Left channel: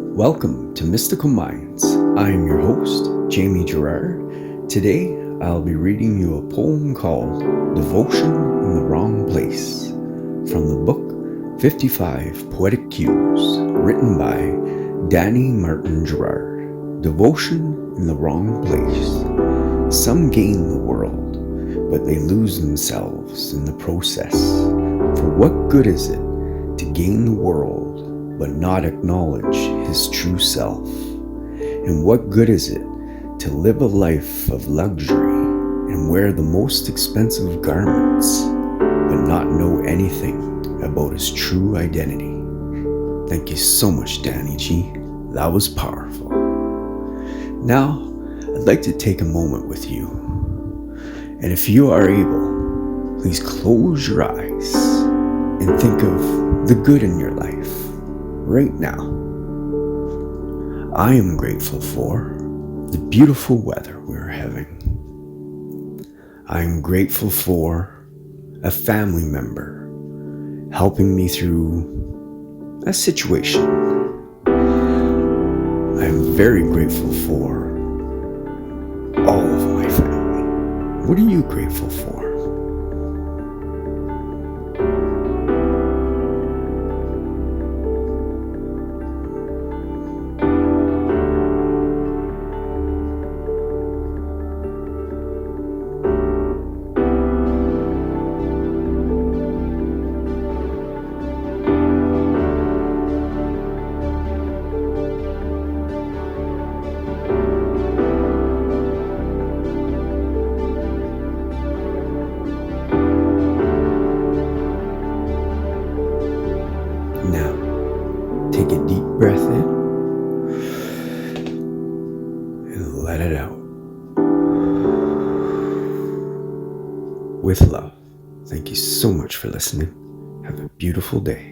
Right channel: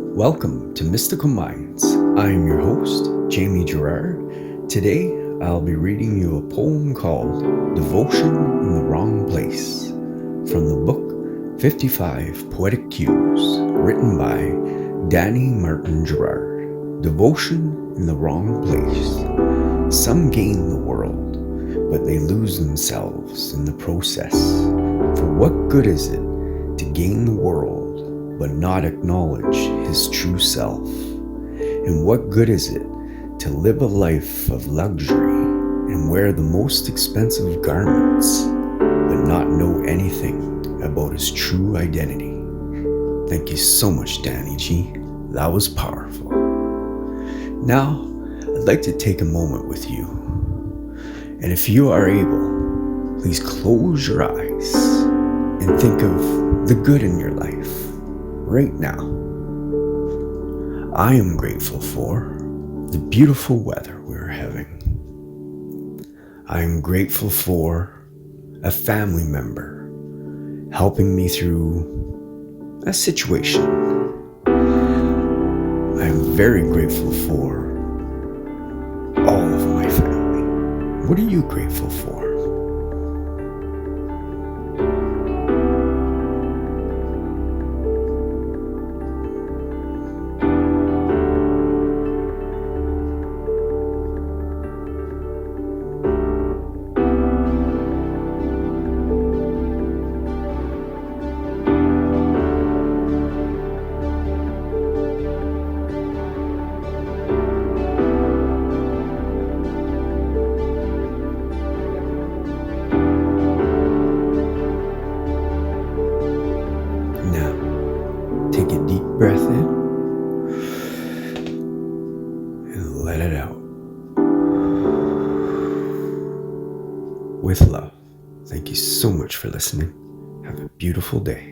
Welcome to Mystical Minds. I am your host, Jamie Gerard. Today, I'll be reading you a poem called Devotion in the Wrong Place from the book 55 Poetic Cues, written by Danny Martin Gerard. Devotion in the Wrong Place. Some gain the world, but they lose themselves in the process. For what good is it to gain the world but not acknowledge his true self? And what good is it to live a life of luxury and wear the most expensive garments but not know anything about his true identity? Thank you so much, Danny G. That was powerful. Now, I'd like to take a moment with you. And if you are able, please close your eyes and think of the good in your life right now. I am grateful for the beautiful weather we're having. I am grateful for a family member helping me through a situation. I am very grateful for all of my family. What are you grateful for? Now, take a deep breath in and let it out. With love. Thank you so much for listening. Have a beautiful day.